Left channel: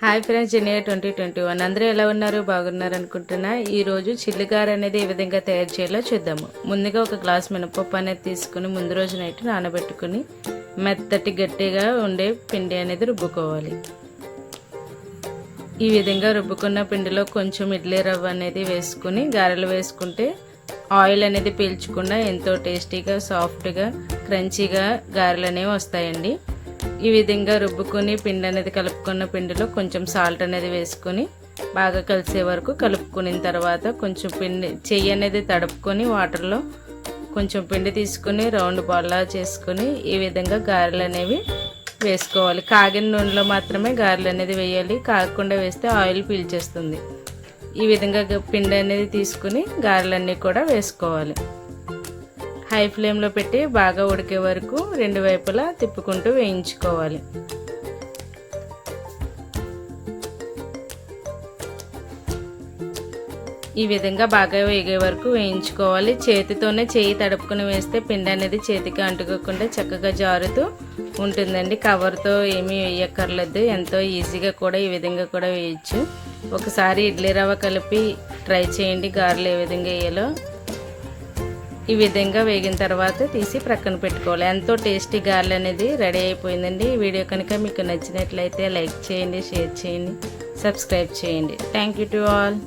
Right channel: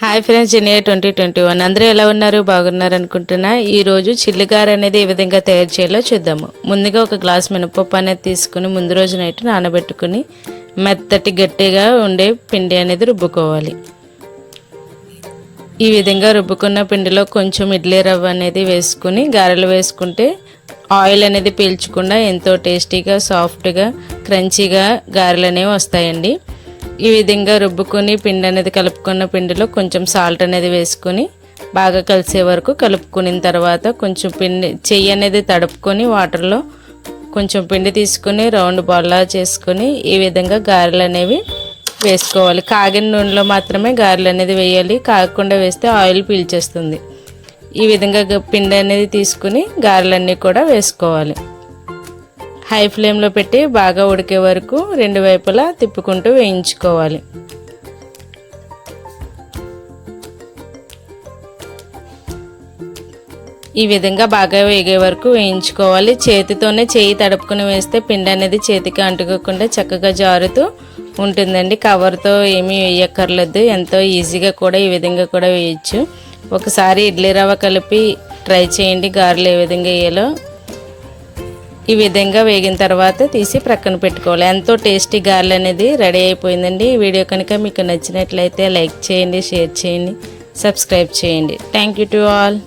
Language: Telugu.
హాయ్ ఫ్రెండ్స్, జూనియర్ 2021 అందరూ ఎలా ఉన్నారు? బాగున్నారు అనుకుంటున్నా. ఈరోజు చిల్లిగార అనేది ఏ విధంగా తయారు చేయాలో చూద్దాము. ముందుగా ఒక గ్లాస్ మినపప్పు అనేది తీసుకుని ముందు రోజు నైట్ నానబెట్టుకుని మెత్తటి గట్టిగా ఉండే పిండి అనేది రుబ్బుకోవాలి. ఈ విధంగా రుబ్బుకున్న పిండిలో కొంచెం ఇడ్లీ రవ్వ అనేది వేసుకుని గారెలు వేసుకుంటే ఆయిల్ అనేది పీల్చకుండా ఎంతో టేస్టీగా, సాఫ్ట్గా, క్రంచీగా గారెలు అనేవి వస్తాయండి. ఈ విధంగా రుబ్బుకొని పిండి అనేది కలుపుకున్న పిండిలో కొంచెం సాల్ట్ అనేది వేసుకొని బాగా కలిసే వరకు కలుపుకున్న తర్వాత కొంచెం పిండి చెయ్యి అనేది తడుపుకొని వాటర్లో కొంచెం పిండి తీసుకొని రౌండ్ బాల్లా చేసుకొని ఈ విధంగా గారెలు అనేవి వేసుకోవాలి. కాగిన నూనెలో మాత్రమే గారెలు అనేది వేయాలి, కాగకుండా వేస్తే ఆయిల్ పీల్చేస్తుంది. ఈ విధంగా పిండి అనేది తీసుకుని గారెలన్నీ కూడా వేసుకోవాలి. హై ఫ్లేమ్లో పెట్టి బాగా ఉడికే వరకు రెండు వైపులా తిప్పుకుంటూ వేయించుకోవాలి. ఈ విధంగా బాగా వేగే వరకు వేయించుకోవాలి. చేతితోనే చేయి తడుపుకుని వేస్తే పిండి అనేది చేతికి అంటుకోకుండా చక్కగా జారుతూ ఉంటుందండి. కవర్తో ఏమీ వేయక్కర్లేదు, ఎంతో ఈజీగా కూడా ఈ విధంగా కూడా వేయచ్చు. ఒకసారి ఇడ్లీ రవ్వ కలిపి ట్రై చేయండి గారెలు ఏ విధంగా వేయాలో. ఈ విధంగా వేగిన తర్వాత తీసి ప్రక్కన పెట్టుకోవాలి. ఎంతో టేస్టీ గారెలు అనేది రెడీ అయిపోయిందండి. ఈ వీడియో కనుక మీకు నచ్చినట్లయితే లైక్ చేయండి, షేర్ చేయండి, సబ్స్క్రైబ్ చేయండి. Thank you to all.